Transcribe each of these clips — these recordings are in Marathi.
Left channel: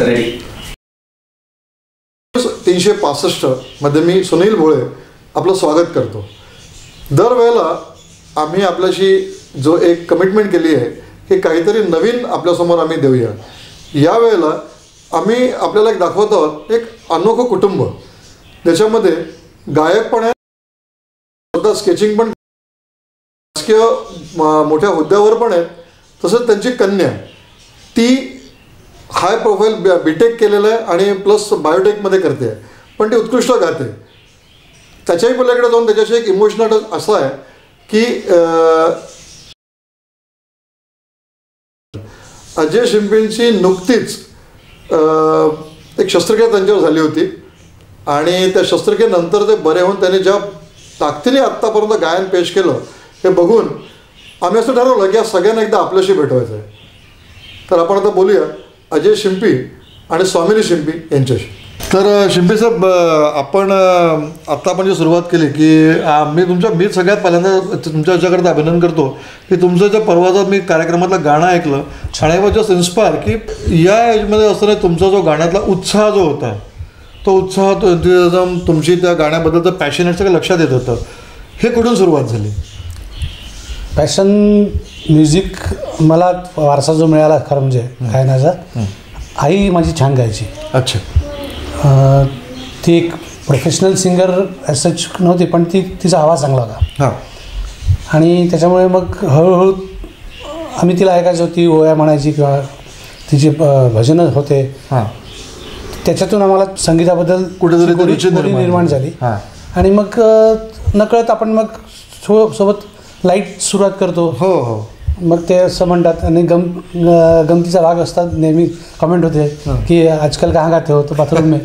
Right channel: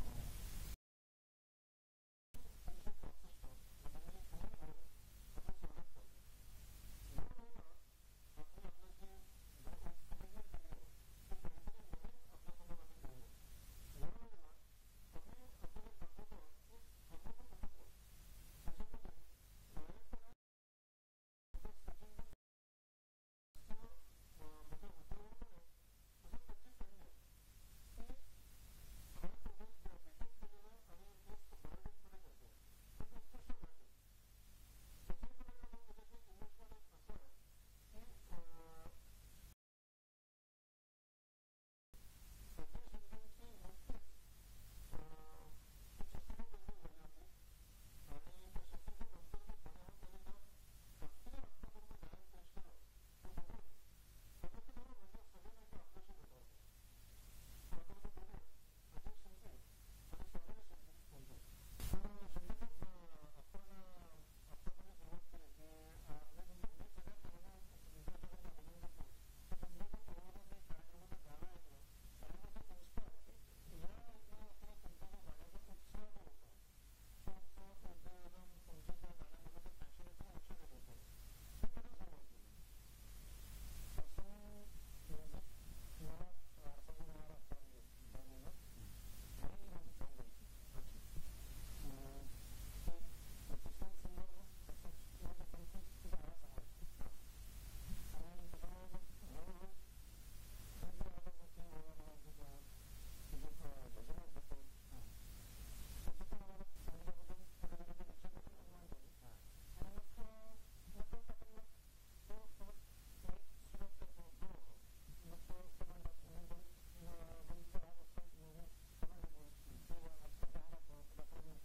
रेडी. 365 मध्ये मी सुनील भोळे आपलं स्वागत करतो. दरवेळेला आम्ही आपल्याशी जो एक कमिटमेंट केली आहे की काहीतरी नवीन आपल्यासमोर आम्ही देऊया. यावेळेला आम्ही आपल्याला एक दाखवत आहोत एक अनोखं कुटुंब, ज्याच्यामध्ये गायक पण आहे, स्वतः स्केचिंग पण, राजकीय मोठ्या हुद्द्यावर पण आहेत. तसंच त्यांची कन्या, ती हाय प्रोफाईल बीटेक केलेलं आहे आणि प्लस बायोटेकमध्ये करते आहे, पण ती उत्कृष्ट गाते. त्याच्याही पलीकडे जाऊन त्याच्याशी एक इमोशनल असं आहे की अजय शिंपींची नुकतीच एक शस्त्रक्रिया त्यांच्यावर झाली होती आणि त्या शस्त्रक्रियेनंतर ते बरे होऊन त्यांनी ज्या ताकदीने आत्तापर्यंत गायन पेश केलं हे बघून आम्ही असं ठरवलं की या सगळ्यांना एकदा आपल्याशी भेटवायचं आहे. तर आपण आता बोलूया अजय शिंपी आणि स्वामिनी शिंपी यांच्याशी. तर शिंपी साहेब, आपण आत्ता आपण जी सुरुवात केली की मी सगळ्यात पहिल्यांदा तुमच्या याच्याकडे अभिनंदन करतो की तुमचं ज्या परवाचा मी कार्यक्रमातलं गाणं ऐकलं आणि आय वॉज जस्ट इन्स्पायर की या एजमध्ये असताना तुमचा जो गाण्यातला उत्साह जो होता, तो उत्साह, तो एन्थुझियाझम, तुमची त्या गाण्याबद्दलचं पॅशन सगळं लक्षात येत होतं. हे कुठून सुरुवात झाली? पॅशन म्युझिक मला वारसा जो मिळाला खरं म्हणजे गायनाचा, आई माझी छान गायची. अच्छा. ती एक प्रोफेशनल सिंगर सच नव्हती, पण तिचा आवाज चांगला होता. हां. आणि त्याच्यामुळे मग हळूहळू आम्ही तिला ऐकायचो. ती ओया म्हणायची किंवा तिचे भजनं होते. हां. त्याच्यातून आम्हाला संगीताबद्दल कुठेतरी रुची निर्माण झाली. आणि मग नकळत आपण मग सोबत लाईट सुरुवात करतो. हो हो. मग ते असं म्हणतात आणि गमतीचा भाग असतात. नेहमी कमेंट होते की आजकाल कहाँ गाते हो, तो बाथरूम में.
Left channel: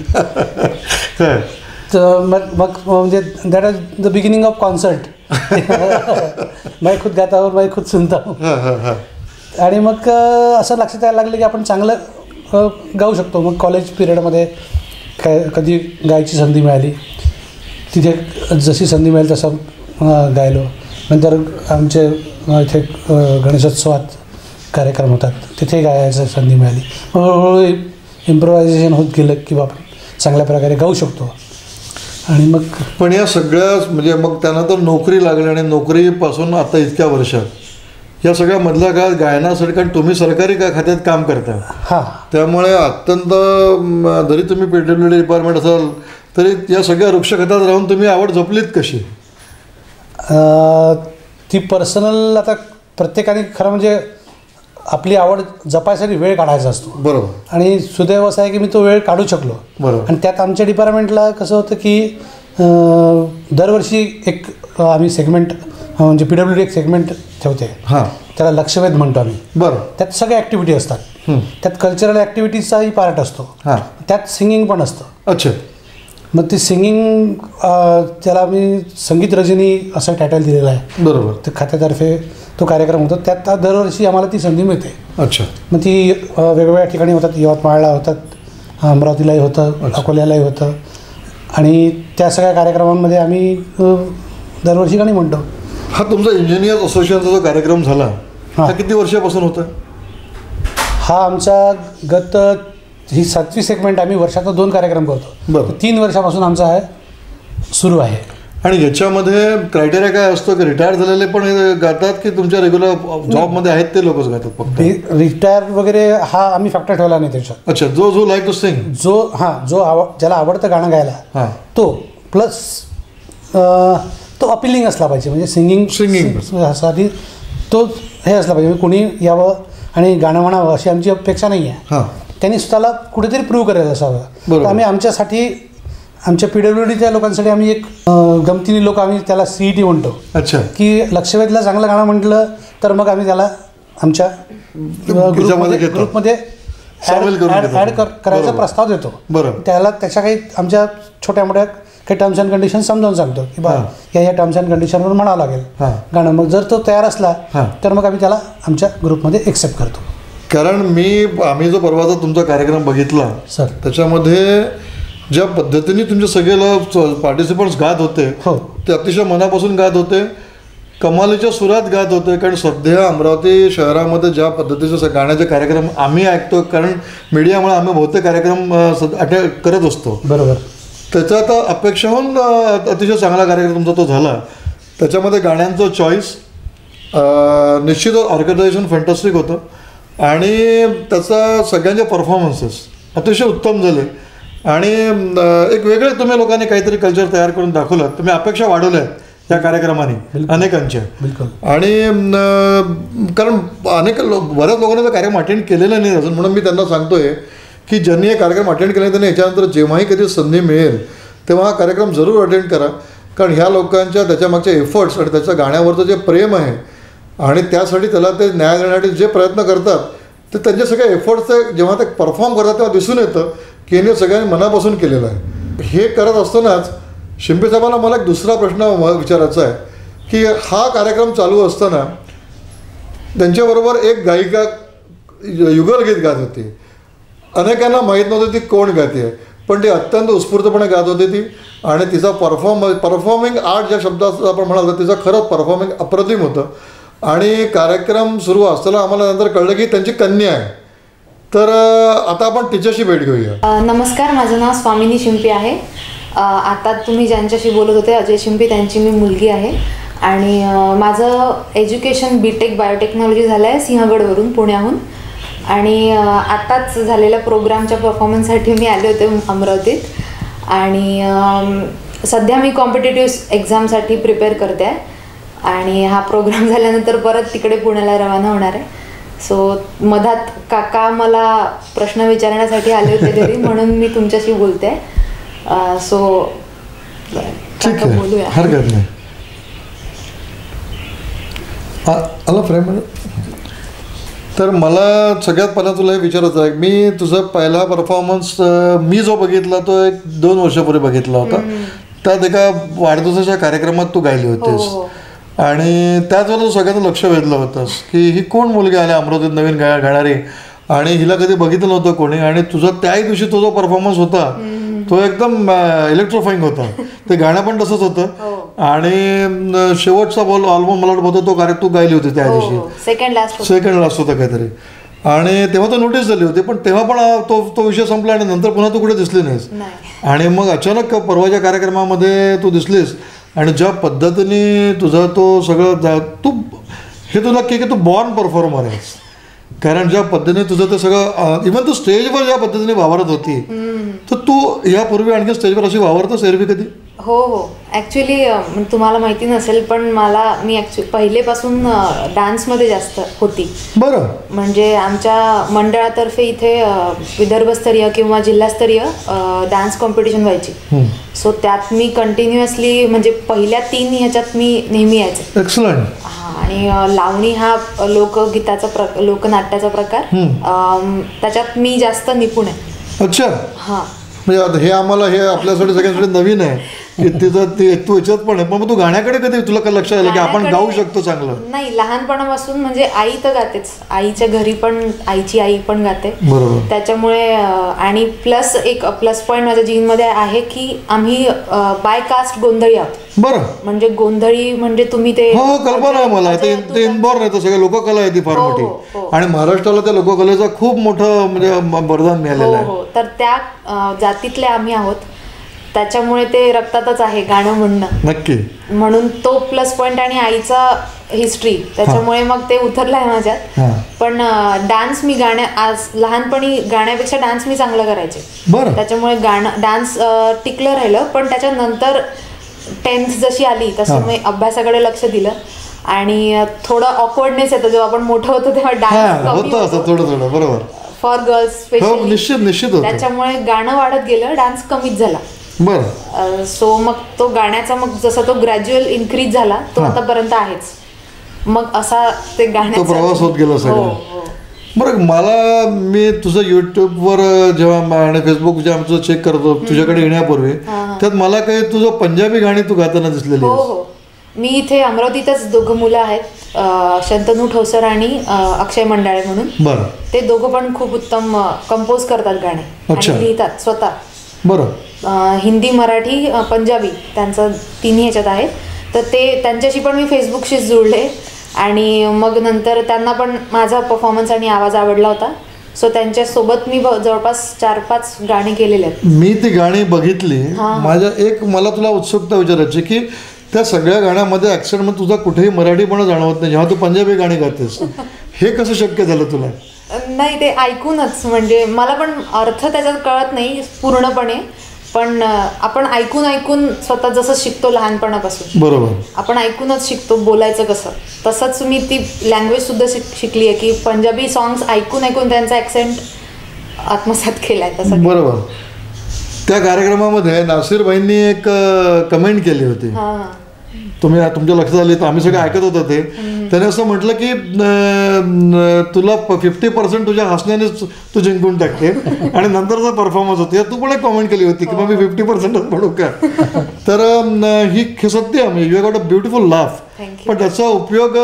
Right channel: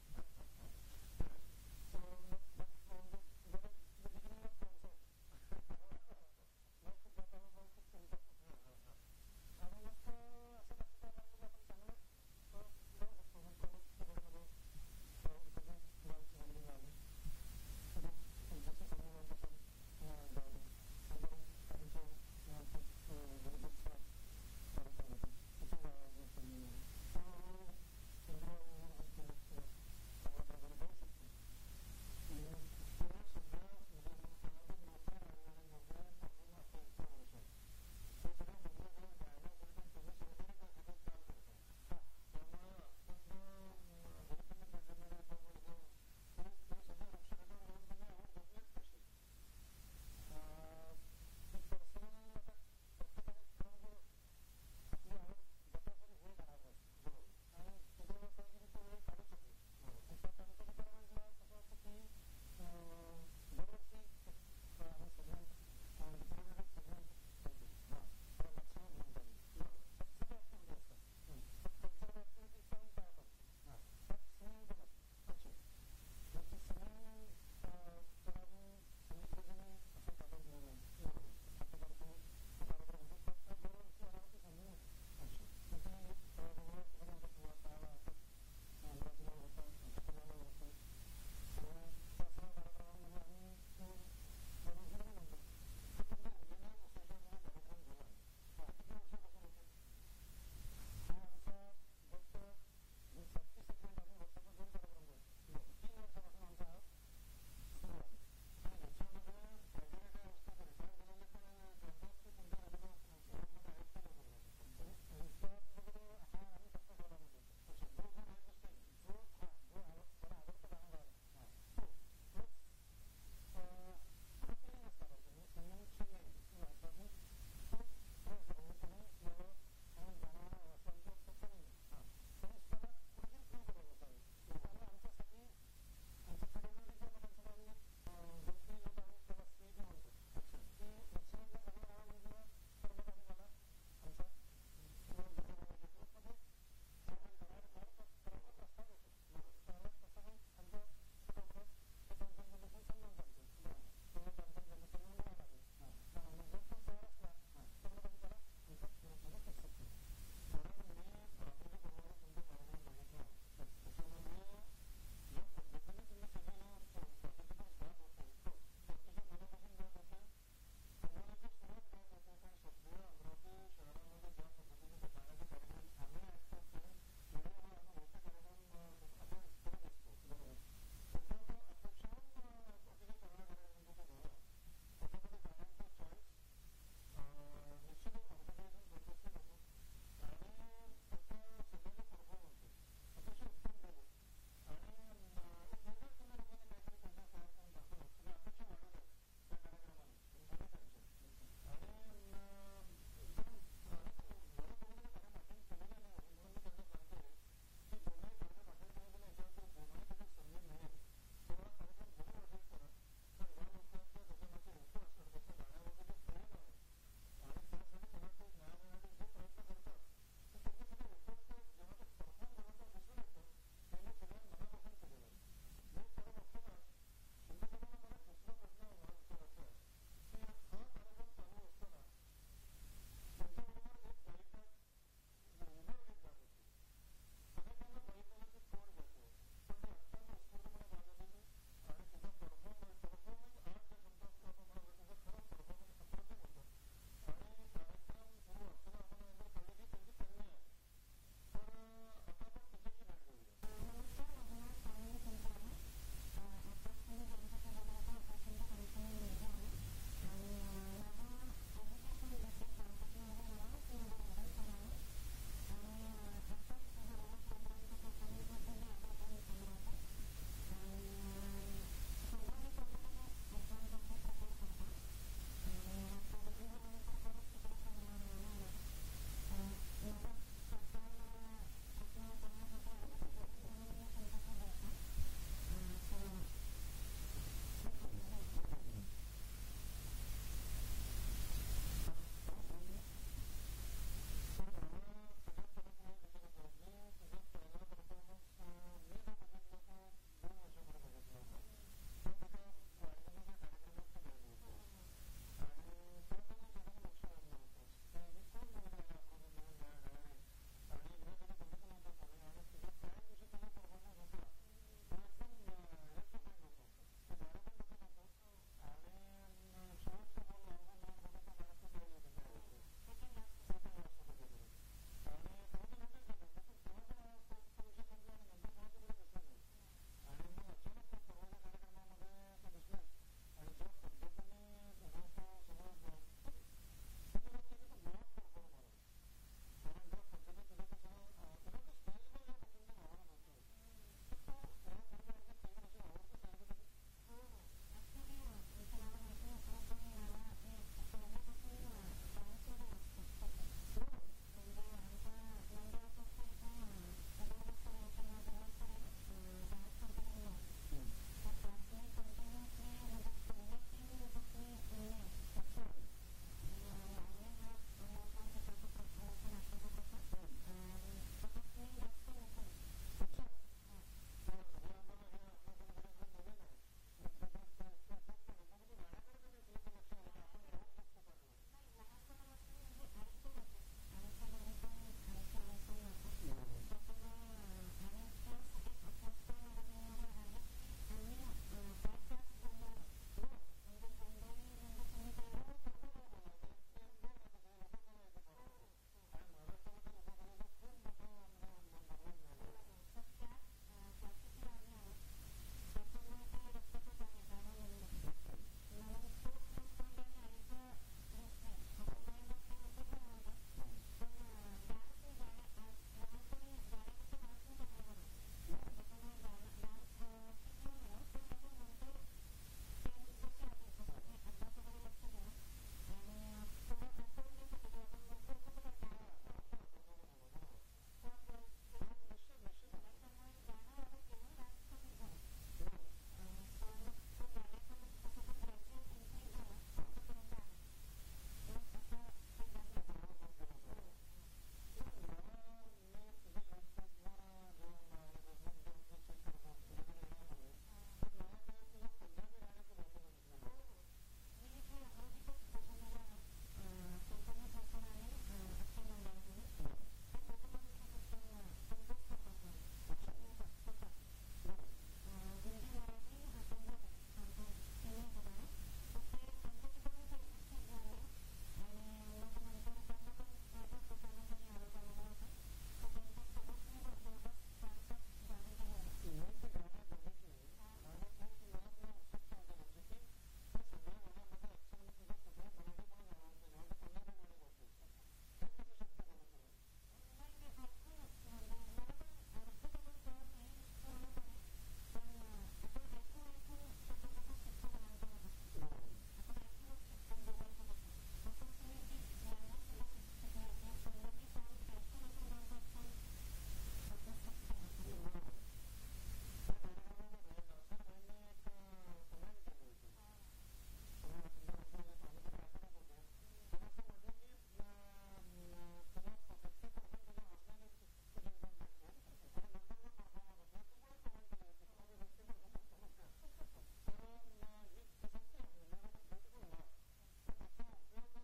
तर मग म्हणजे that is the beginning of concert. मैं खुद गाता हूँ, मैं खुद सुनता हूँ. आणि मग असं लक्षात यायला लागलं की आपण चांगलं गाऊ शकतो. मग कॉलेज पिरियडमध्ये कधी गायची संधी मिळाली, तिथे जशी संधी मिळेल तसं गायलो. नंतर आमचे इथे गणेशोत्सवात कार्यक्रम होतात, तिथे गायची संधी मिळाली. हळूहळू इम्प्रोव्हायझेशन होत गेलं की आपण चांगल्या प्रकारे गाऊ शकतो. आणि मग पण या सगळ्या म्हणजे मग त्यानंतर नोकरी लागली आणि नोकरीपासून आता इतक्या वर्षात या सगळ्या मधल्या काळात गायनासाठी, कारण तुम्ही सरकारी खात्यात काम करता, हां, त्यामुळे अत्यंत जरी तुम्ही PWD डिपार्टमेंट असाल तरी या सगळ्या वृक्षखात्यात राहून तुम्ही आवड जपलीत कशी? ती पर्सनल, आता प्रत्येकाने खरं म्हणजे आपली आवड जपायसाठी वेळ काढायचा असतो. बरोबर. आणि सुदैव असं आहे की मी तो वेळ काढू शकलो. बरोबर. आणि त्यात आमच्या डिपार्टमेंटला कसं होतं की दरवर्षी एक आम्ही सेगमेंट म्हणजे PWD एक सेगमेंट ठेवते. हां. त्याला लक्षवेध म्हणतो आम्ही. बरं. त्यात सगळ्या ॲक्टिव्हिटी असतात. त्यात कल्चरल ॲक्टिव्हिटीजचाही पार्ट असतो. हां. त्यात सिंगिंग पण असतं. अच्छा. मग ते सिंगिंग, त्याला मी संगीत रजनी असं टायटल दिलेलं आहे. बरोबर. ते खात्यातर्फे तो कार्यक्रम होतो. त्यात दरवर्षी आम्हाला ती संधी मिळते. अच्छा. मग ती वेगवेगळ्या ठिकाणी होतात. यवतमाळला होतात, अमरावतीलाही होतं, अकोल्यालाही होतं. आणि त्या सगळ्या कार्यक्रमांमध्ये आम्ही दरवर्षी गाणी म्हणतो. हा तुमचा इंजिनियर्स असोसिएशनचा जो कार्यक्रम झाला हा किती वर्षापासून होता? हा आमचा ही 7वी सेगमेंट. आम्ही वर्षाचा 2 कार्यक्रम करतो. बरं. 3 वर्षापासून आमचा आहे सुरू आहे. आणि याच्यामध्ये क्रायटेरिया काय असतो की रिटायर झालेले पण गातात की तुमच्या रेग्युलर जॉबमध्ये आहेत ते लोकच गातात फक्त? रिटायर वगैरे हा आम्ही फॅक्टर ठेवला नाही त्याच्यात. अच्छा. जो लाईक टू सिंग, ज्याला आवडतं गाणं गायला तो, प्लस तो अपीलिंग असला पाहिजे. म्हणजे सिंगिंग साठी तो हे असला पाहिजे, कोणी यावं आणि गाणं म्हणावं अशी आमची अपेक्षा नाही आहे. त्यांनी स्वतःला कुठेतरी प्रूव्ह करायला असावं. तर आम्ही आमच्यासाठी, आमच्या PWDच्या लोकांसाठी आम्ही एक गमतीने लोक आम्ही त्याला CET म्हणतो. अच्छा. की लक्षवेधला चांगलं गाणं म्हटलं तर मग आम्ही त्याला आमच्या ग्रुपमध्ये ॲड करायचा प्रस्ताव देतो. बरं. त्याला त्याच्या काही आमच्या छोट्या मोठ्या काही टर्म्स अँड कंडिशन समजावून सांगतो की बा या टर्म्स अँड कंडिशनवर म्हणावं लागेल गाणं. मग जर तो तयार असला तर मग आम्ही त्याला आमच्या ग्रुपमध्ये एक्सेप्ट करतो. कारण आम्ही जो परवाचा तुमचा कार्यक्रम बघितला सर, त्याच्यामध्ये ज्या पद्धतीने तुमचे सगळे पार्टिसिपंट्स गात होते ते अतिशय मनापासून गात होते. कमालीच्या सुरात गात होते. कारण सध्या अमरावती शहरामध्ये ज्या पद्धतीचे गाण्याचे कार्यक्रम आम्ही ऐकतो, कारण मीडियामुळे आम्ही बहुतेक कार्यक्रम करत असतो. बरोबर. त्याचा आता अपेक्षाहून अतिशय चांगला कार्यक्रम तुमचा तो झाला. त्याच्यामध्ये गाण्यांचं चॉईस निश्चितच ऑर्गनायझेशन फॅन्टॅस्टिक होतं आणि त्याचा सगळ्यांचे परफॉर्मन्सेस अतिशय उत्तम झाले आणि एक वेगळे तुम्ही लोकांनी काहीतरी कल्चर तयार करून दाखवलं. तुम्ही अपेक्षा वाढवल्या आहेत या कार्यक्रमाने अनेकांच्या. आणि कारण बऱ्याच लोकांनी तो कार्यक्रम अटेंड केलेला नाही अजून, म्हणून मी त्यांना सांगतोय की ज्यांनी हे कार्यक्रम अटेंड केले त्यांनी याच्यानंतर जेव्हाही कधी संधी मिळेल तेव्हा हा कार्यक्रम जरूर अटेंड करा. कारण ह्या लोकांच्या त्याच्यामागचे एफर्ट्स आणि त्याच्या गाण्यावरचं जे प्रेम आहे आणि त्यासाठी त्याला ते न्याय देण्यासाठी जे प्रयत्न करतात ते त्यांचे सगळे एफर्ट्स जेव्हा ते परफॉर्म करतात तेव्हा दिसून येतं की यांनी सगळ्यांनी मनापासून केलेलं आहे. हे करत असतानाच शिंपे साहेबांना मला एक दुसरा प्रश्न विचारायचा आहे की हा कार्यक्रम चालू असताना त्यांच्याबरोबर एक गायिका युगलगीत गात होती. अनेकांना माहीत नव्हतं ती कोण गाते आहे, पण ती अत्यंत उत्स्फूर्तपणे गात होती ती. आणि तिचा परफॉर्मिंग आर्ट ज्या शब्दाचं आपण म्हणाल तर तिचं खरंच परफॉर्मिंग अप्रतिम होतं. आणि कार्यक्रम सुरू असताना आम्हाला नंतर कळलं की त्यांची कन्या आहे. तर आता आपण तिच्याशी भेट घेऊया. नमस्कार, माझं नाव स्वामिनी शिंपी आहे. आता तुम्ही ज्यांच्याशी बोलत होते अजय शिंपी, त्यांची मी मुलगी आहे. आणि माझं एज्युकेशन BTech बायोटेक्नॉलॉजी झालं आहे सिंहगडवरून, पुण्याहून. आणि आत्ताच झालेल्या प्रोग्रामच्या परफॉर्मन्ससाठी मी आले होते अमरावतीत. आणि सध्या मी कॉम्पिटेटिव्ह एक्झामसाठी प्रिपेअर करते आहे. आणि हा प्रोग्राम झाल्यानंतर परत तिकडे पुण्याला रवाना होणार आहे. सो मधात काका मला प्रश्न विचारण्यासाठी आले होते घरी, म्हणून मी तुमच्याशी बोलते. सो बोलूया. हरकत नाही. आला फ्रेम. तर मला सगळ्यात पहिला तुला हे विचारायचं आहे, मी तुझा पहिला परफॉर्मन्स मी जो बघितला तो 1-2 वर्षापूर्वी बघितला होता. त्यात एका वाढदिवसाच्या कार्यक्रमात तू गायली होतीस. आणि त्याच वेळेला तू सगळ्यांचं लक्ष वेधलं होतंस की ही कोण मुलगी आली अमरावतीत नवीन गाणारी आणि हिला कधी बघितलं नव्हतं कोणी. आणि तुझा त्याही दिवशी तो जो परफॉर्मन्स होता तो एकदम इलेक्ट्रोफाईंग होता. ते गाणं पण तसंच होतं. आणि शेवटचा बॉल ऑलमोस्ट मला वाटतं तो कार्यक्रम तू गायली होती त्या दिवशी. सेकंड लास्ट होता काहीतरी. आणि तेव्हा तो नोटीस झाली होती, पण तेव्हा पण तो विषय संपला आणि नंतर पुन्हा तू कुठे दिसली नाहीस. आणि मग अचानक परवाच्या कार्यक्रमामध्ये तू दिसलीस. आणि ज्या पद्धतीने तुझा तो सगळं तू हे तू नक्की की तू बॉर्न परफॉर्मर आहेस. कारण ज्या पद्धतीने तुझं ते सगळं इव्हन तू स्टेजवर ज्या पद्धतीने वावरत होती, तर तू यापूर्वी आणखी स्टेजवर अशी वावरतच एरवी कधी? हो हो, ॲक्च्युली तुम्हाला माहिती नसेल पण मी पहिलेपासून डान्समध्ये जास्त होती. बरं. म्हणजे आमच्या मंडळातर्फे इथे विदर्भस्तरीय किंवा जिल्हास्तरीय डान्स कॉम्पिटिशन व्हायची. सो त्यात मी कंटिन्युअसली म्हणजे पहिल्या 3 ह्याच्यात मी नेहमी यायचे. एक्सलंट. आणि लावणी हा लोकगीताचा लोकनाट्याचा प्रकार, त्याच्यात मी जास्त निपुण आहे. अच्छा. हां, म्हणजे हे आम्हाला हे आपल्यासाठी सगळ्यांसाठी नवीन आहे की तिथं तू याच्यात पण आहे. पण तू गाण्याकडे कधी तुला काय लक्षात आलं की आपण गाऊ शकतो चांगलं? नाही, लहानपणापासून म्हणजे आई तर गातेच, आईच्या घरी पण आईची आई पण गाते. बरोबर. त्याच्यामुळे आणि प्लस एक प्लस पॉईंट माझ्या जीनमध्ये आहे की आम्ही बाय कास्ट गोंधळी आहोत. बरं. म्हणजे गोंधळी म्हणजे तुम्ही ते हो कल्पना आहे मला. ते इनबॉर्न आहे, सगळ्या लोककला आहे ती फार मोठी. आणि महाराष्ट्राला त्या लोककलेचा खूप मोठं म्हणजे वरदान मिळालेलं आहे. तर त्या जातीतले आम्ही आहोत, त्याच्यामुळे ते रक्तातच आहे गाणं म्हणणं. नक्की. म्हणून तो प्लस पॉईंट आणि आईचा हिस्ट्री, त्याच्यामुळे मग ते उतरलं आहे माझ्यात. पण डान्स मी आज लहानपणी गाण्यापेक्षा डान्स मी चांगलं करायचे. त्याच्यामुळे डान्स टिकलं राहिलं. पण त्याच्यानंतर 10th जशी आली तसं मी अभ्यासाकडे लक्ष दिलं. आणि थोडं ऑकवर्डनेस येतं जेव्हा आपण मोठं होतो तेव्हा डान्स थोडं. बरोबर. For girls specially. निश्चित. त्याच्यामुळे गाणं वाढत गेलं, डान्स कमीच झाला. बरं. सो मग तो गाण्याचा मग जसा तो ग्रॅज्युअल इन्क्रीज झाला तो आतापर्यंत आहेच. मग असा ते गाण्याचा प्रवास होत गेला सगळं. बरं, मला मी तुझं युट्यूबवर जेव्हा आणि फेसबुक जेव्हा आमचं चेक करतो तुझ्याकडे येण्यापूर्वी, त्यात मला काही तुझं पंजाबी गाणी तू गाताना दिसलेली. हो. मी इथे अमरावतीतच 2 मुलं आहेत, शंतनू ठोसर आणि अक्षय मंडाळे म्हणून. बरं. ते दोघं पण खूप उत्तम कंपोज करतात गाणे आणि लिहितात स्वतः. बरं. हिंदी, मराठी, पंजाबी त्यांचं 3 ह्याच्यात आहे. तर ते त्यांच्याशी पण मी फेसबुकशीच जुळले आणि मग नंतर त्यांना पण माझा परफॉर्मन्स आणि आवाज आवडला होता. सो त्यांच्यासोबत मी जवळपास 4-5 गाणी केलेली आहेत. मी ती गाणी बघितली. मला तुला उत्सुकता विचारायची की त्या सगळ्या गाण्यामध्ये ॲक्सेंटमध्ये तुझा कुठेही मराठीपणा जाणवत नाही जेव्हा तू पंजाबी गाणी गातेस. हे कसं शक्य झालं तुला? नाही, ते ऐकूनच, म्हणजे मला पण अर्थ त्याच्यात कळत नाही पूर्णपणे, पण आपण ऐकून स्वतः जसं शिकतो लहानपणापासून, बरोबर, आपण ऐकूनच शिकतो बोलायचं कसं. तसंच मी ती लँग्वेज सुद्धा शिकली आहे की पंजाबी सॉंग्स ऐकून त्यांचा ॲक्सेंट आत्मसात केलाय तसं. बरोबर. त्या कार्यक्रमामध्ये नासिर भाईंनी एक कमेंट केली होती, तुमच्या लक्षात आली तर आम्ही सगळे ऐकत होतो ते. त्याने असं म्हटलं की तुला 50% तुझ्या हसण्यानेच तू जिंकून टाकते आणि नंतरचा परफॉर्मन्स होते. तू पण एक कॉमेंट केली होती की मग मी 50%च म्हणू का. तर ही सत्य म्हणजे you got a beautiful laugh, पण त्याचा उपयोग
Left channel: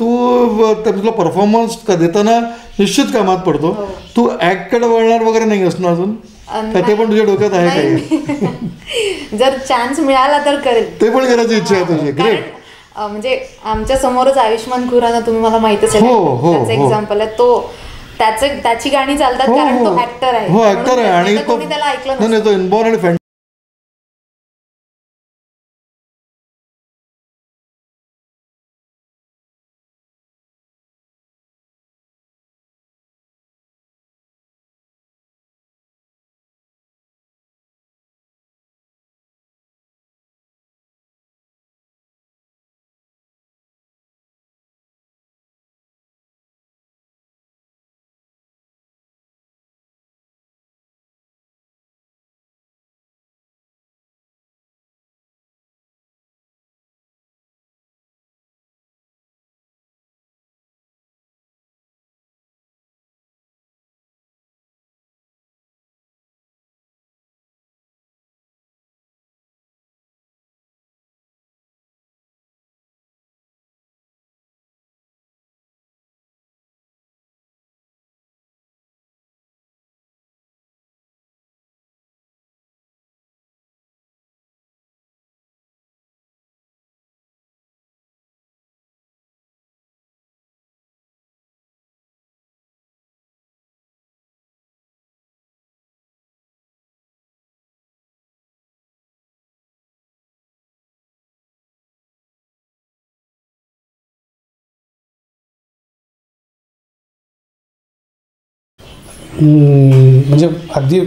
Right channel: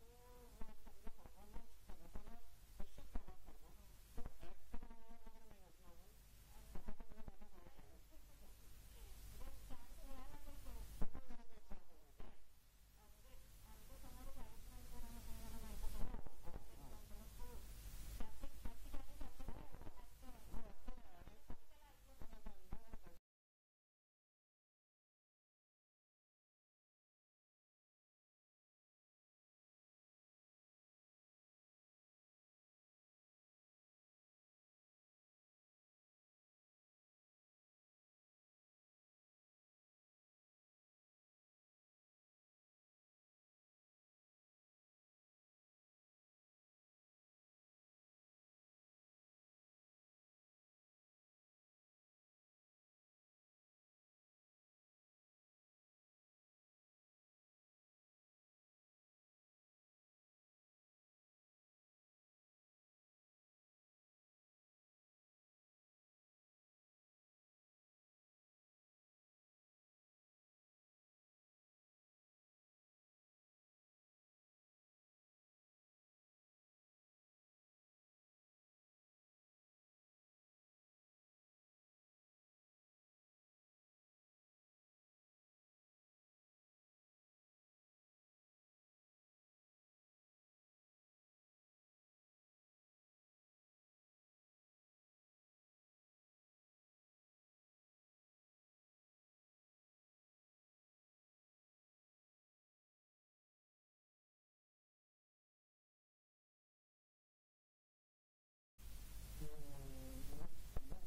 तू तुला परफॉर्मन्स देताना निश्चित कामात पडतो. तू ऍक्टकडे वळणार वगैरे नाही असणार अजून, ते पण तुझ्या डोक्यात आहे काही? जर चान्स मिळाला तर करेल, ते पण करायची इच्छा आहे तुझी. ग्रेट. म्हणजे आमच्या समोरच आयुष्मान खुराना, तुम्ही मला माहित असेल, त्याचं एक्झाम्पल आहे. तो त्याची गाणी चालतात कारण तो ऍक्टर आहे. हो, ऍक्टर आहे आणि कोणी त्याला ऐकलं नाही. तो इनबॉर्न आणि म्हणजे अगदी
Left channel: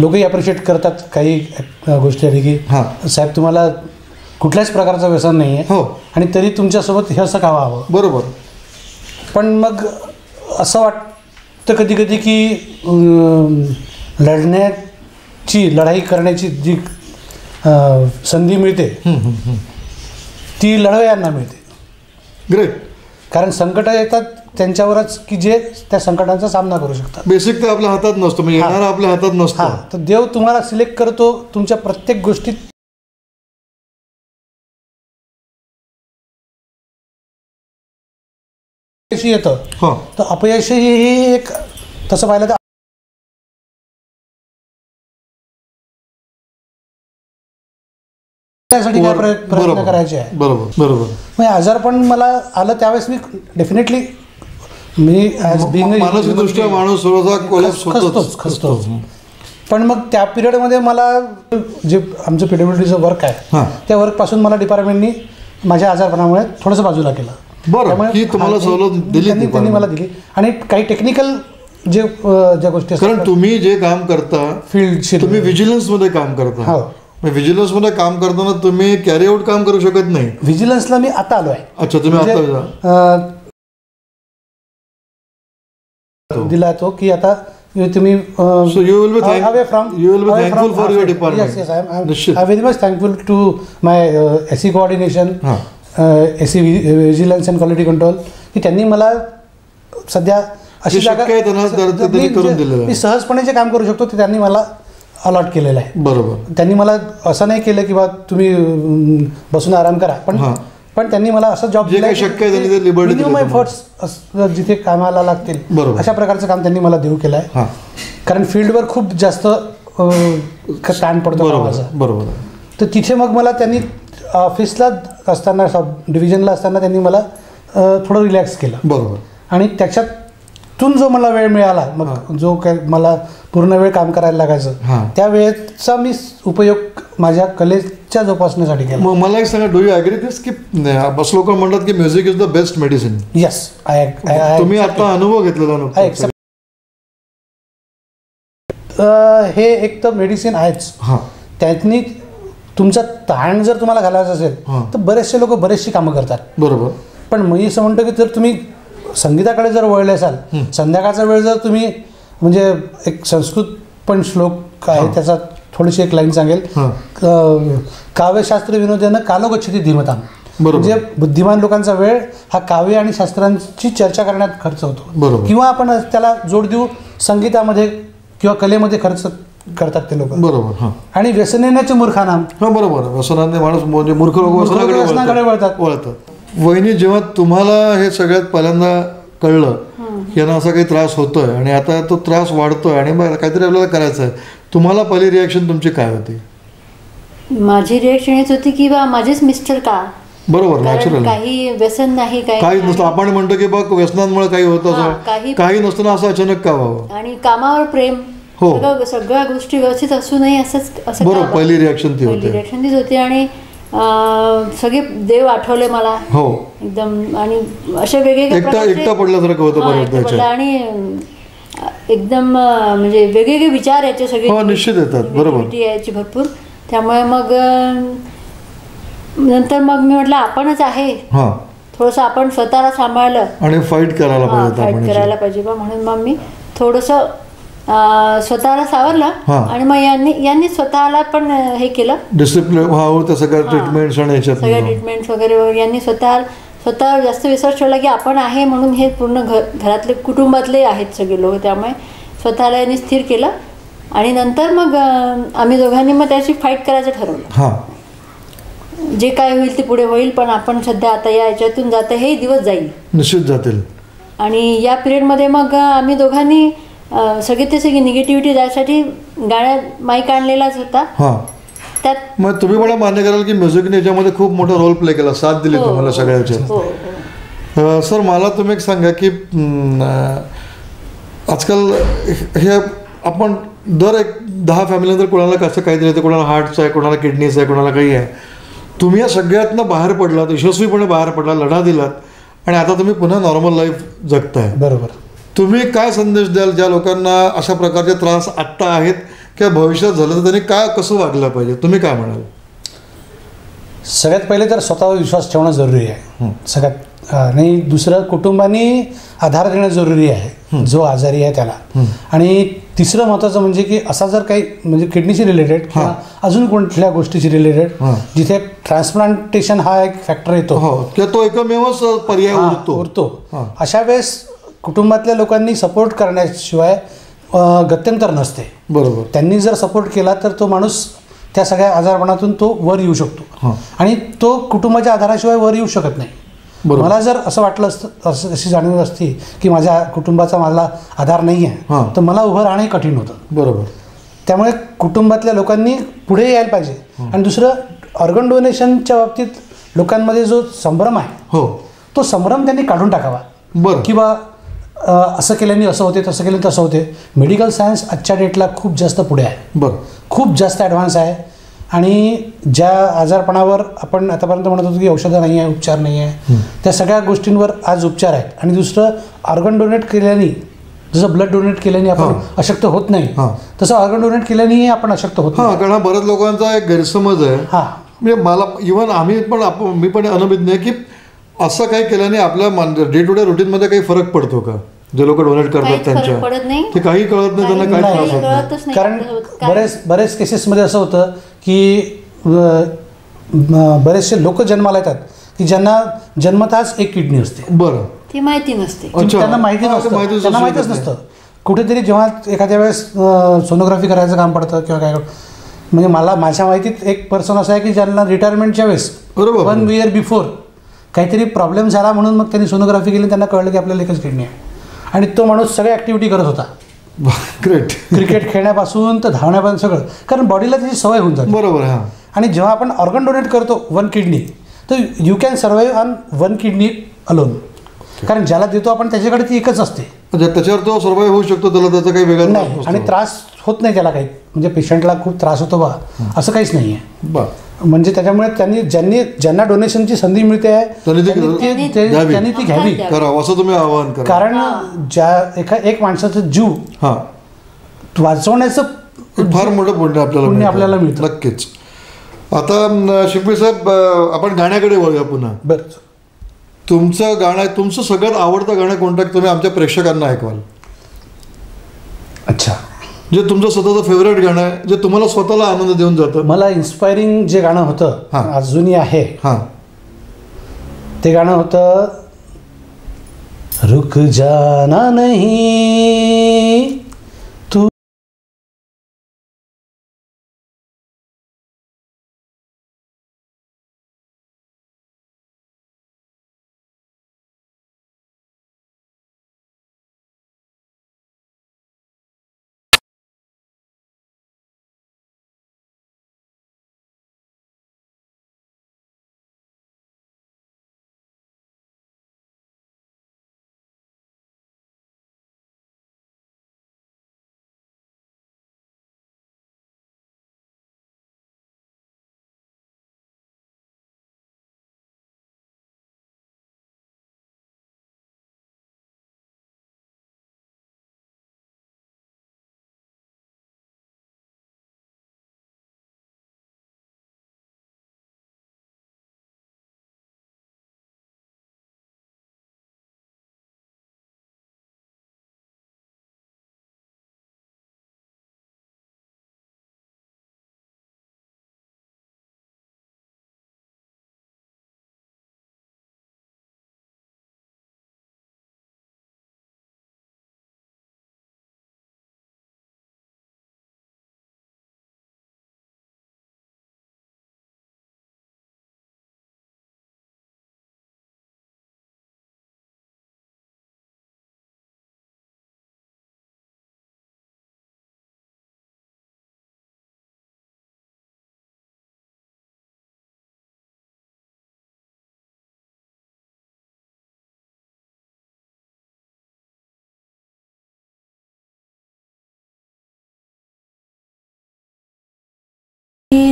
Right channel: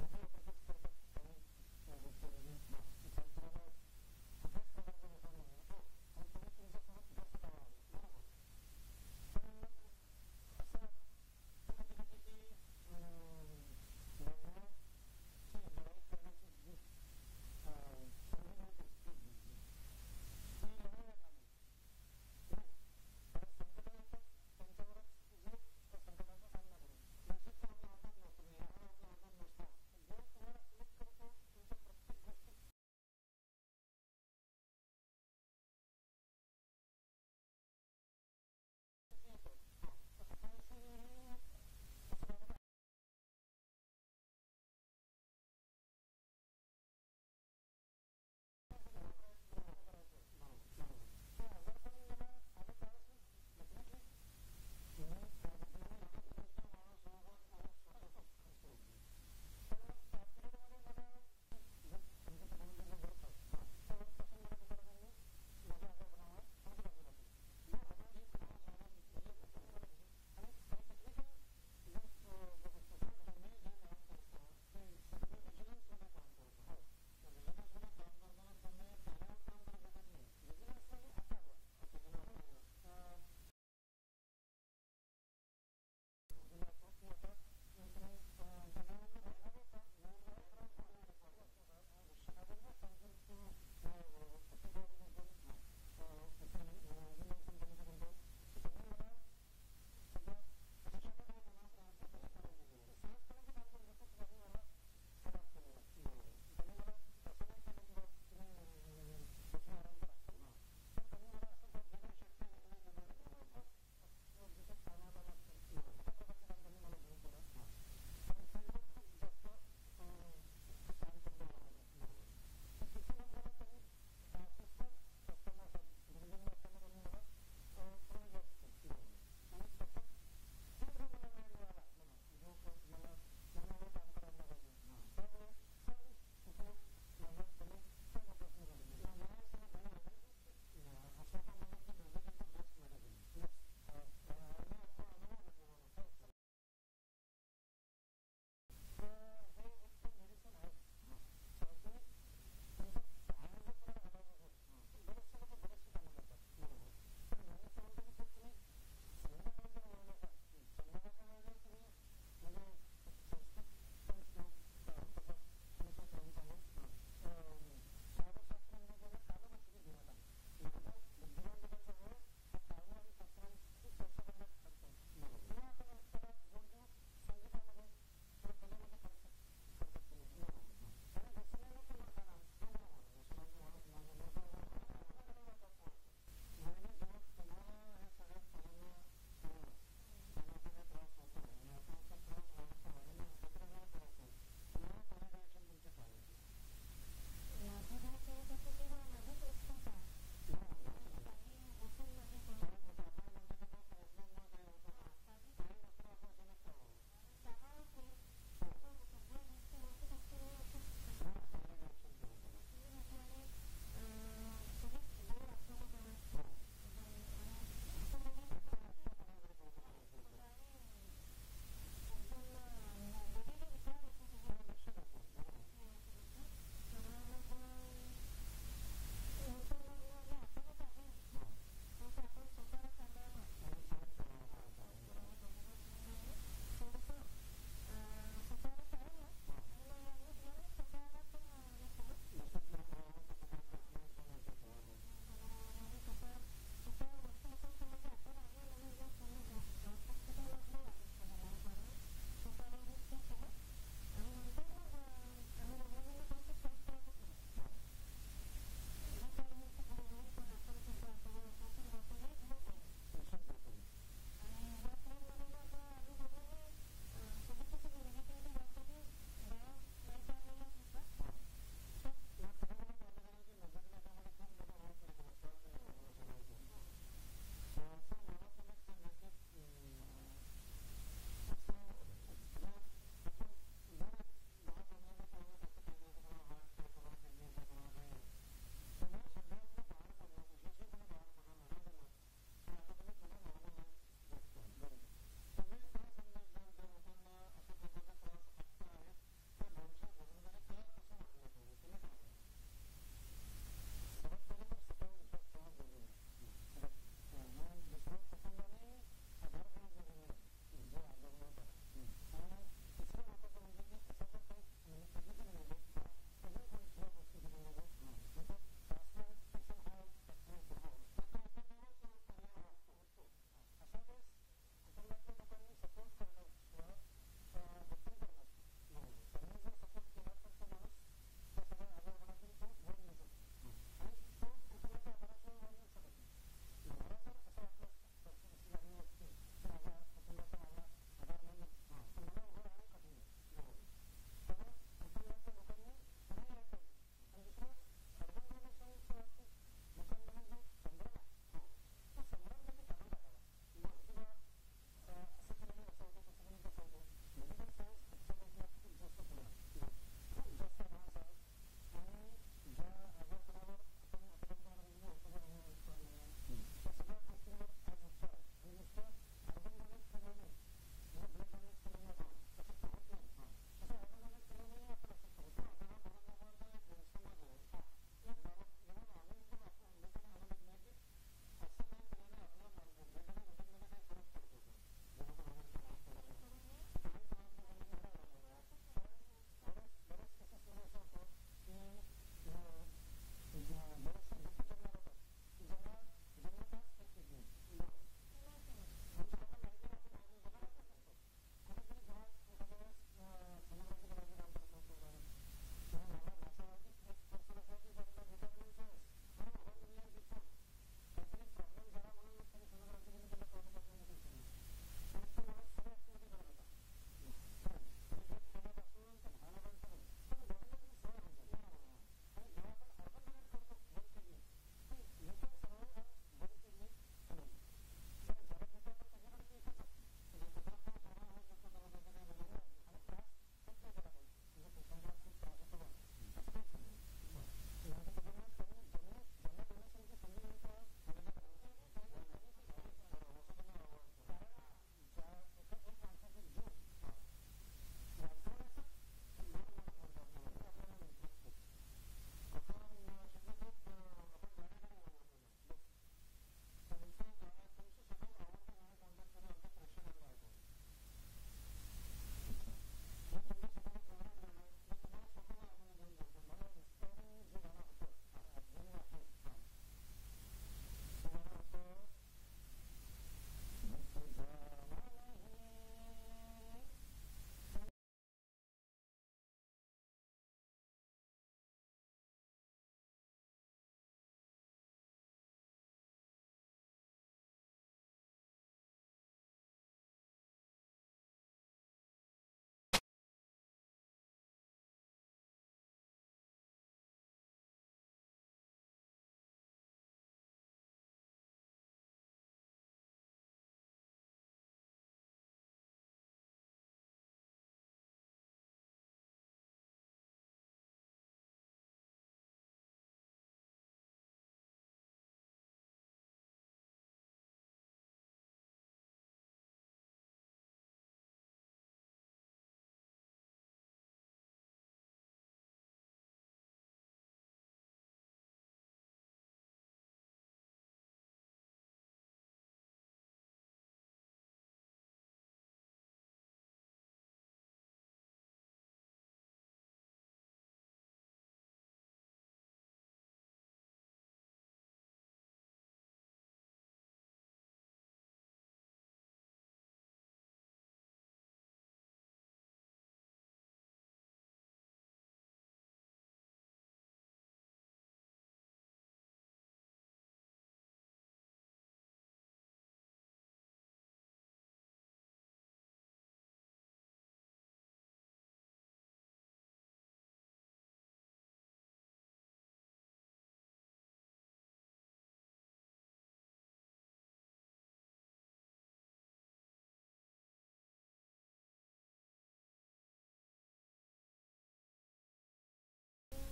लोकही अप्रिशिएट करतात काही गोष्टी आहे की साहेब तुम्हाला कुठल्याच प्रकारचं व्यसन नाही आहे आणि तरी तुमच्यासोबत हे असं का व्हावं. बरोबर. पण मग असं वाटतं कधी कधी की लढाई करण्याची जी संधी मिळते ती लढवयांना मिळते. ग्रेट. कारण संकट येतात त्यांच्यावरच की जे त्या संकटांचा सामना करू शकतात. बेसिक ते आपल्या हातात नसतं, म्हणजे येणारा आपल्या हातात नसतं. तर देव तुम्हाला सिलेक्ट करतो तुमच्या प्रत्येक गोष्टीत. येतं तर अपयश ही एक तसं पाहिलं तर त्यासाठी काय प्रयत्न करायचे आहे. बरोबर बरोबर. म्हणजे आजारपण मला आलं त्यावेळेस मी डेफिनेटली मी ॲज बिंग मानसिकदृष्ट्या माणूस खचतोच. पण मग त्या पिरियडमध्ये मला जे आमचं PWDचं वर्क आहे त्या वर्कपासून मला डिपार्टमेंटनी माझ्या आजारपणामुळे थोडंसं बाजूला केलं. त्यामुळे तुम्हाला सवलत दिली त्यांनी मला दिली आणि काही टेक्निकल ज्या गोष्टी असतात. कारण तुम्ही जे काम करता फील्ड तुम्ही व्हिजिलन्समध्ये काम करता. व्हिजिलन्समध्ये काम करताना तुम्ही कॅरी आउट काम करू शकत नाही. व्हिजिलन्सला मी आता आलो आहे. अच्छा, तुम्ही आता दिला तो की आता तुम्ही you will be thankful for your department. Yes, I am very much thankful to my SE coordination, SE vigilance and quality control की त्यांनी मला सध्या अशी जागा करून दिलेलं आहे. मी सहजपणे जे काम करू शकतो ते त्यांनी मला अलॉट केलेलं आहे. बरोबर. त्यांनी मला असं नाही केलं की बा तुम्ही बसून आराम करा, पण त्यांनी मला असं जॉब दिला मिनिमम एफर्ट्स जिथे कामाला लागतील अशा प्रकारचं काम त्यांनी मला देऊ केलं आहे. कारण फील्डवर खूप जास्त ताण पडतो कामाचा. बरोबर. तर तिथे मग मला त्यांनी ऑफिसला असताना सब डिव्हिजनला असताना त्यांनी मला थोडं रिलॅक्स केलं. बरोबर. आणि त्याच्यातून जो मला वेळ मिळाला, मग जो काय मला पूर्ण वेळ काम करायला लागायचं, त्या वेळेचा मी उपयोग माझ्या कलेच्या जोपासण्यासाठी केला. मग मला एक सांगा, डू यू ॲग्री दिस की बस लोक म्हणतात की music is the best medicine? Yes, तुम्ही आता अनुभव घेतलेला नको. हे एक तर मेडिसिन आहेच. त्यांनी तुमचा ताण जर तुम्हाला घालायचा असेल तर बरेचसे लोक बरेचशी कामं करतात. बरोबर. पण मी असं म्हणतो की जर तुम्ही संगीताकडे जर वळले असाल, संध्याकाळचा वेळ जर तुम्ही, म्हणजे एक संस्कृत पण श्लोक आहे त्याचा थोडीशी एक लाईन सांगेल, काव्यशास्त्र विनोदेनं कालो गच्छति धीमताम. म्हणजे बुद्धिमान लोकांचा वेळ हा काव्य आणि शास्त्रांची चर्चा करण्यात खर्च होतो, किंवा आपण त्याला जोड देऊ संगीतामध्ये किंवा कलेमध्ये खर्च करतात ते लोक. बरोबर. आणि व्यसनेण्याचे मूर्खानाम. बरोबर. व्यसनाने माणूस म्हणजे मूर्ख लोक व्यसनाकडे वळतात. वहिनी, जेव्हा तुम्हाला हे सगळ्यात पहिल्यांदा कळलं यांना असा काही त्रास होतोय आणि आता तो त्रास वाढतोय आणि काहीतरी आपल्याला करायचं आहे, तुम्हाला पहिली रिॲक्शन तुमची काय होती? माझी रिॲक्शन हेच होती की बा माझेच मिस्टर का. बरोबर, नॅचरल. काही व्यसन नाही, काही नसतं. आपण म्हणतो की बघ व्यसनांमुळे काही होत असं, काही नसताना असं अचानक का व्हावं. आणि कामावर प्रेम, सगळ्या गोष्टी व्यवस्थित असू नये असं. बरोबर. पहिली रिॲक्शन ती होती. रिॲक्शन तीच होती. आणि सगळे देव आठवले मला एकदम. आणि असे वेगवेगळे एकटा पडल्यासारखं होतं. आणि एकदम म्हणजे वेगवेगळे विचार याचे सगळे निश्चित येतात. बरोबर. यायची भरपूर. त्यामुळे मग नंतर मग मी म्हटलं आपणच आहे, थोडंसं आपण स्वतःला सांभाळलं आणि फाईट करायला पाहिजे बा. म्हणून मग मी थोडंसं स्वतःला सावरलं. आणि मग यांनी स्वतःला पण हे केलं, डिसिप्लिन, सगळ्या ट्रीटमेंट्स वगैरे. यांनी स्वतः जास्त विश्वास ठेवला की आपण आहे म्हणून. हे पूर्ण घरातले कुटुंबातले आहेत सगळे लोक, त्यामुळे स्वतःला यांनी स्थिर केलं. आणि नंतर मग आम्ही दोघांनी मग त्याची फाईट करायचं ठरवलं. जे काय होईल ते पुढे होईल, पण आपण सध्या आता या याच्यातून जातं, हे दिवस जाईल, निश्चित जातील. आणि या पिरियडमध्ये मग आम्ही दोघांनी सगळी निगेटिव्हिटी जायसाठी गाण्यात माईक आणलेलाच होता. त्यात मग तुम्ही मला मान्य कराल की म्युझिकने याच्यामध्ये खूप मोठा रोल प्ले केला, साथ दिली तुम्हाला सगळ्याच्या. सर, मला तुम्ही एक सांगा की आजकाल हे आपण दर 10 फॅमिलीनंतर कोणाला कसं काहीतरी येतं, कोणाला हार्टचं आहे, कोणाला किडनीचं आहे, कोणाला काही आहे. तुम्ही या सगळ्यातनं बाहेर पडलात, यशस्वीपणे बाहेर पडला, लढा दिलात, आणि आता तुम्ही पुन्हा नॉर्मल लाईफ जगताय. बरोबर. तुम्ही काय संदेश द्याल ज्या लोकांना अशा प्रकारचे त्रास आत्ता आहेत किंवा भविष्यात झालं तर त्यांनी कसं वागलं पाहिजे? तुम्ही काय म्हणाल? सगळ्यात पहिले तर स्वतःवर विश्वास ठेवणं जरुरी आहे सगळ्यात. आणि दुसरं, कुटुंबाने आधार देणं जरुरी आहे जो आजारी आहे त्याला. आणि तिसरं महत्त्वाचं म्हणजे की असा जर काही म्हणजे किडनीशी रिलेटेड किंवा अजून कुठल्या गोष्टीशी रिलेटेड जिथे ट्रान्सप्लांटेशन हा एक फॅक्टर येतो, तो एकमेवच पर्याय उरतो, अशा वेळेस कुटुंबातल्या लोकांनी सपोर्ट करण्याशिवाय गत्यंतर नसते. बरोबर. त्यांनी जर सपोर्ट केला तर तो माणूस त्या सगळ्या आजारपणातून तो वर येऊ शकतो. आणि तो कुटुंबाच्या आधाराशिवाय वर येऊ शकत नाही. मला जर असं वाटलं असतं, अशी जाणीव असती की माझ्या कुटुंबाचा मला आधार नाही आहे, तर मला उभं राहणं कठीण होतं. बरोबर. त्यामुळे कुटुंबातल्या लोकांनी पुढे यायला पाहिजे. आणि दुसरं, ऑर्गन डोनेशनच्या बाबतीत लोकांमध्ये जो संभ्रम आहे तो संभ्रम त्यांनी काढून टाकावा. बरं. किंवा असं केल्याने असं होते, तसं केल्याने तसं होते. मेडिकल सायन्स आजच्या डेटला खूप जास्त पुढे आहे. बरं. खूप जास्त ॲडव्हान्स आहे. आणि ज्या आजारपणावर आपण आतापर्यंत म्हणत होतो की औषधं नाही आहे, उपचार नाही आहे, त्या सगळ्या गोष्टींवर आज उपचार आहेत. आणि दुसरं, ऑर्गन डोनेट केल्याने, जसं ब्लड डोनेट केल्याने आपण अशक्त होत नाही, तसं ऑर्गन डोनेट केल्यानेही आपण अशक्त होत नाही. कारण बऱ्याच लोकांचा एक गैरसमज आहे. म्हणजे मला इव्हन मी पण अनभिज्ञ आहे की असं काही केल्याने आपल्या डे टू डे रुटीनमध्ये काही फरक पडतो का? जे लोक डोनेट करतात त्यांच्या, ते काही कळत नाही, त्यांना काही त्रास होत नाही. कारण बरेच केसेसमध्ये असं होतं की बरेचसे लोक जन्माला येतात की ज्यांना जन्मताच एक किडनी असते. बरं. ती माहिती नसते, त्यांना माहिती नसतं, त्यांना माहितीच नसतं. कुठेतरी जेव्हा एखाद्या वेळेस सोनोग्राफी करायचं काम पडतं किंवा काय, म्हणजे माझ्या माहितीत एक पर्सन असं आहे की ज्यांना रिटायरमेंटच्या वेळेस 1 year बिफोर काहीतरी प्रॉब्लेम झाला म्हणून मग त्यांनी सोनोग्राफी केली, त्यांना कळलं की आपल्याला एकच किडनी आहे. आणि तो माणूस सगळ्या ॲक्टिव्हिटी करत होता, ग्रेट. क्रिकेट खेळण्यापासून तर धावण्यापासून सगळं, कारण बॉडीला त्याची सवय होऊन जाते. बरोबर. हां. आणि जेव्हा आपण ऑर्गन डोनेट करतो 1 किडनी, तर you can survive on 1 kidney alone. कारण ज्याला देतो आपण त्याच्याकडे ती एकच असते. म्हणजे त्याच्यावर तो सर्वाईव्ह होऊ शकतो, त्याला त्याचा काही वेगळा त्रास नाही, नसतो. आणि त्रास होत नाही त्याला काही, म्हणजे पेशंटला खूप त्रास होतो बा असं काहीच नाही आहे. बरं. म्हणजे त्याच्यामुळे ज्यांना डोनेशनची संधी मिळते आहे त्यांनी घ्यावी. त्यांनी ती घ्यावी. करावं असं तुम्ही आवाहन करा. कारण एक माणसाचं जीव हां, वाचवण्याचं फार मोठं पुण्य आपल्याला मिळतं. नक्कीच. आता शिंपी साहेब, आपण गाण्याकडे वळूया पुन्हा. बरं. तुमचं सगळ्यात आवडतं गाणं कोणतं तुम्ही आमच्या प्रेक्षकांना ऐकवाल? अच्छा. जे तुमचं स्वतःचं फेवरेट गाणं आहे, जे तुम्हाला स्वतःला आनंद देऊन जातं. मला इन्स्पायरिंग जे गाणं होतं, हां. अजूनही आहे, हां. ते गाणं होतं रुक जाना नहीं तू.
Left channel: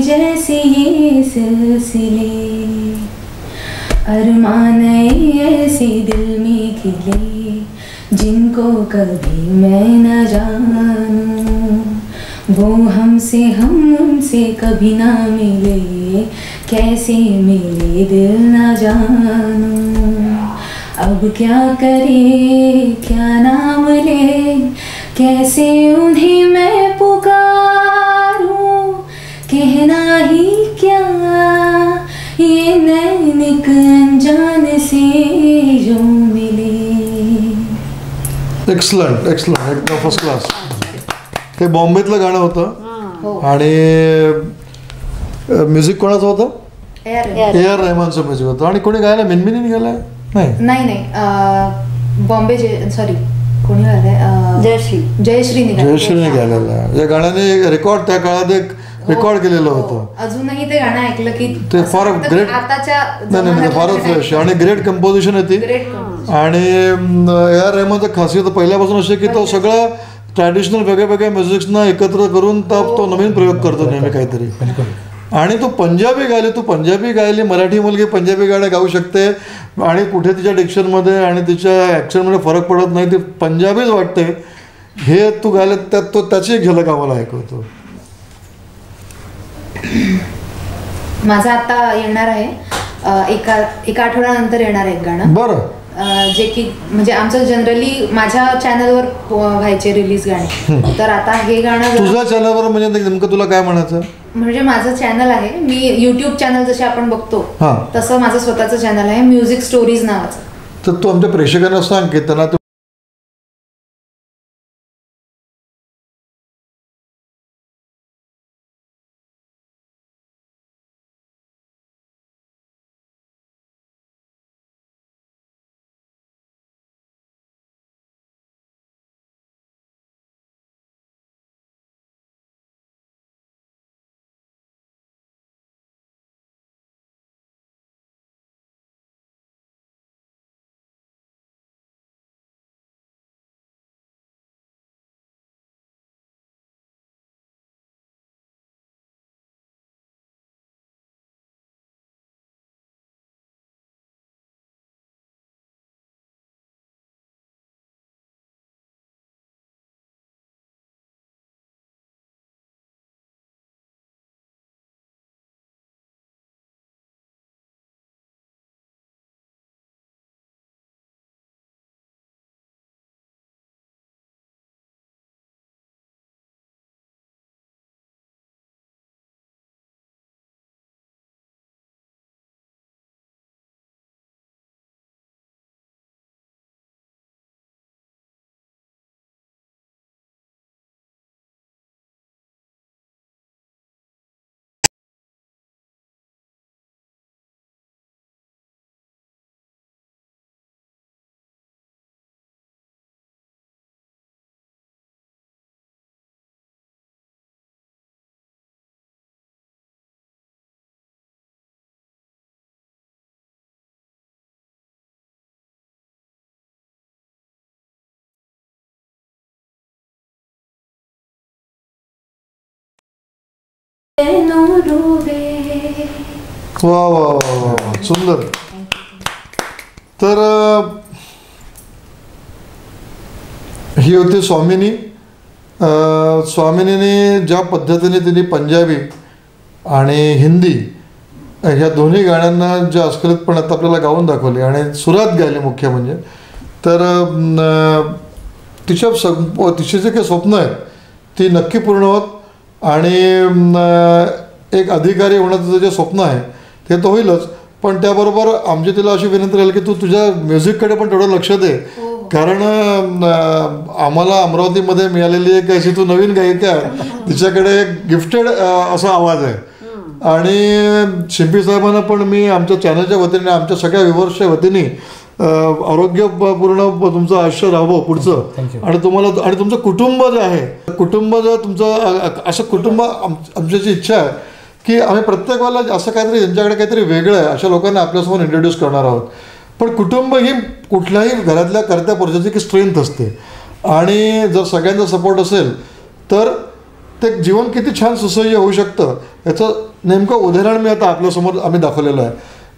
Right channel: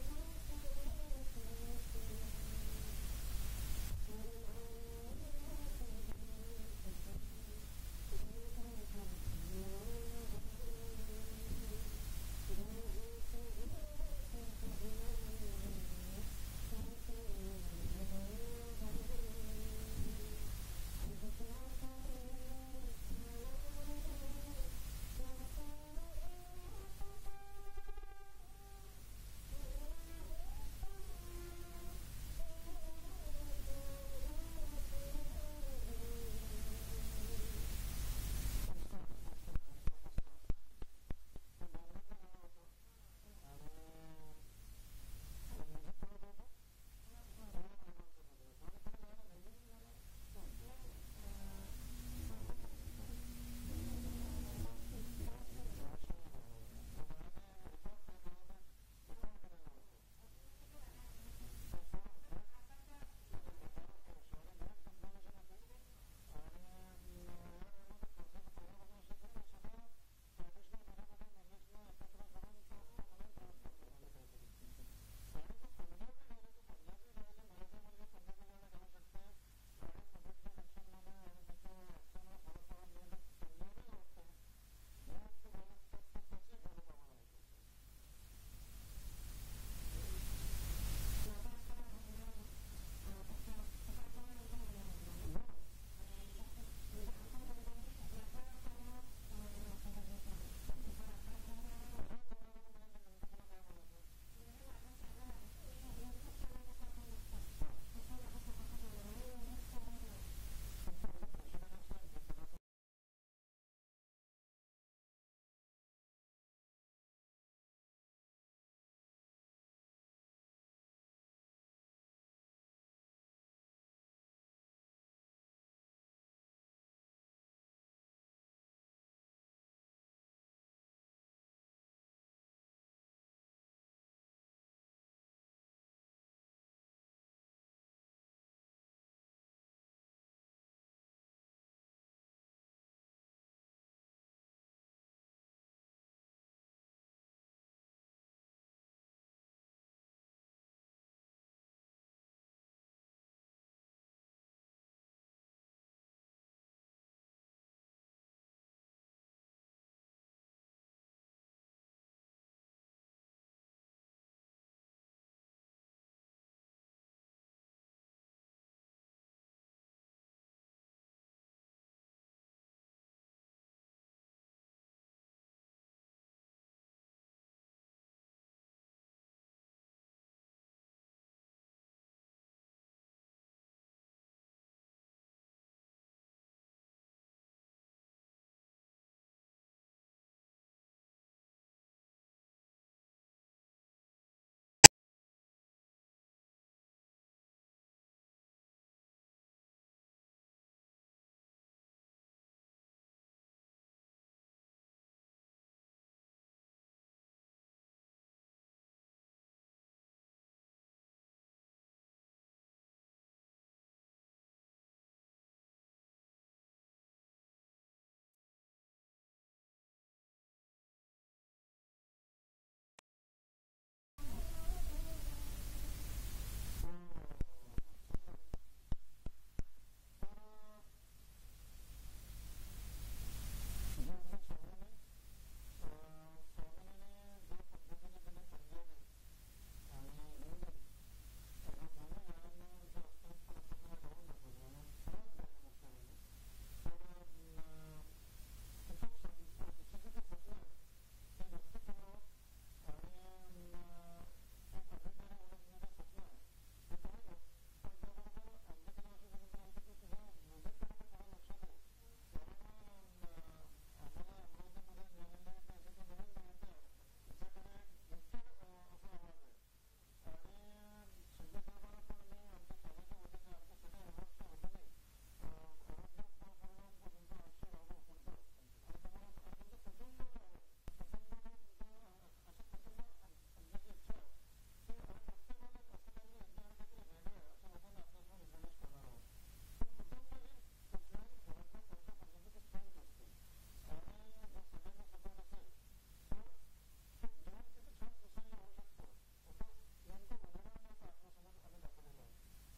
जैसे ये सिलसिले अरमान ऐसे दिल में खिले जिनको कभी मैं न जानूं, वो हमसे कभी ना मिले, कैसे मिले दिल न जानूं. अब क्या करे क्या नाम ले, कैसे उन्हें मैं पुकारूं, कहना ही क्या ये नैनिक अनजान से जो मिले. एक्सलंट, एकदम फर्स्ट क्लास. हे बॉम्बेतलं गाणं होतं आणि म्युझिक कोणाचं होतं? ए.आर. रहमानचं म्युझिक होतं. आणि कोणी गायला? मिनमिनीने गायलाय? नाही, बॉम्बे सॉरी कोणी गायलाय? जयश्रीने गायलेलं आहे. या गाण्याने रेकॉर्ड त्या काळात एक रेकॉर्ड केलेलं होतं. अजूनही ते गाणं ऐकलं की ते फार ग्रेट. नाही, फारच फ्रेश आणि ग्रेट कंपोजिशन आहे ती. आणि ए.आर. रहमानचं खासियत पहिल्यापासून अशी की तो सगळं ट्रॅडिशनल वेगळ्या म्युझिक्सना एकत्र करून तो नवीन प्रयोग करतो नेहमी काहीतरी. आणि तू पंजाबी गायली, मराठी मुलगी पंजाबी गाणं गाऊ शकते आणि कुठे तिच्या डिक्शनमध्ये आणि तिच्या ॲक्शनमध्ये फरक पडत नाही, ती पंजाबीच वाटते. हे तू गायले त्यात त्याची एक झलक आम्हाला ऐकवतो. माझं आता येणार आहे एका आठवड्यानंतर येणार आहे एक गाणं. बरं. जे की म्हणजे आमचं जनरली माझ्या चॅनलवर व्हायचे रिलीज गाणे, तर आता हे गाणं तुझ्या चॅनलवर म्हणजे नेमकं तुला काय म्हणायचं? म्हणजे माझं चॅनल आहे, मी युट्यूब चॅनल जसे आपण बघतो तसं माझं स्वतःचं चॅनल आहे, म्युझिक स्टोरीज नावाचं. तर तू आमच्या प्रेक्षकांना सांग की त्यांना वा वा वा वा वा, सुंदर. तर ही होती स्वामिनी. स्वामिनीने ज्या पद्धतीने तिने पंजाबी आणि हिंदी ह्या दोन्ही गाण्यांना जे अस्खलितपणात आपल्याला गाऊन दाखवले आणि सुरात गायले मुख्य म्हणजे, तर तिचे जे काही स्वप्न आहेत ती नक्की पूर्ण होत आणि एक अधिकारी होण्याचं जे स्वप्न आहे ते तर होईलच, पण त्याबरोबर आमची तिला अशी विनंती राहील की तू तुझ्या म्युझिककडे पण थोडं लक्ष दे, कारण आम्हाला अमरावतीमध्ये मिळालेली एक अशी तू नवीन गायिका आहे, तिच्याकडे एक गिफ्टेड असा आवाज आहे. आणि शिंपी साहेबांना पण मी आमच्या चॅनलच्या वतीने, आमच्या सगळ्या व्ह्युअर्सच्या वतीने आरोग्यपूर्ण तुमचं आयुष्य राहावं पुढचं, आणि तुम्हाला आणि तुमचं कुटुंब जे आहे, कुटुंब जर तुमचं असं कुटुंब, आमची इच्छा आहे की आम्ही प्रत्येक वेळेला असं काहीतरी ज्यांच्याकडे काहीतरी वेगळं आहे अशा लोकांना आपल्यासमोर इंट्रोड्यूस करणार आहोत. पण कुटुंब ही कुठल्याही घरातल्या कर्त्या पुरुषाची की स्ट्रेंथ असते, आणि जर सगळ्यांचा सपोर्ट असेल तर ते जीवन किती छान सुसह्य होऊ शकतं याचं नेमकं उदाहरण मी आता आपल्यासमोर आम्ही दाखवलेलं आहे.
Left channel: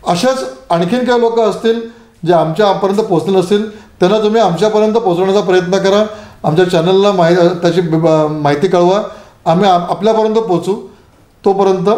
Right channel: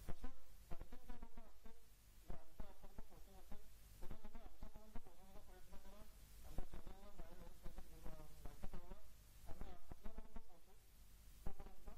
अशाच आणखीन काही लोक असतील जे आमच्यापर्यंत पोहोचले नसतील, त्यांना तुम्ही आमच्यापर्यंत पोहोचवण्याचा प्रयत्न करा. आमच्या चॅनलला त्याची माहिती कळवा, आम्ही आपल्यापर्यंत पोहोचू. तोपर्यंत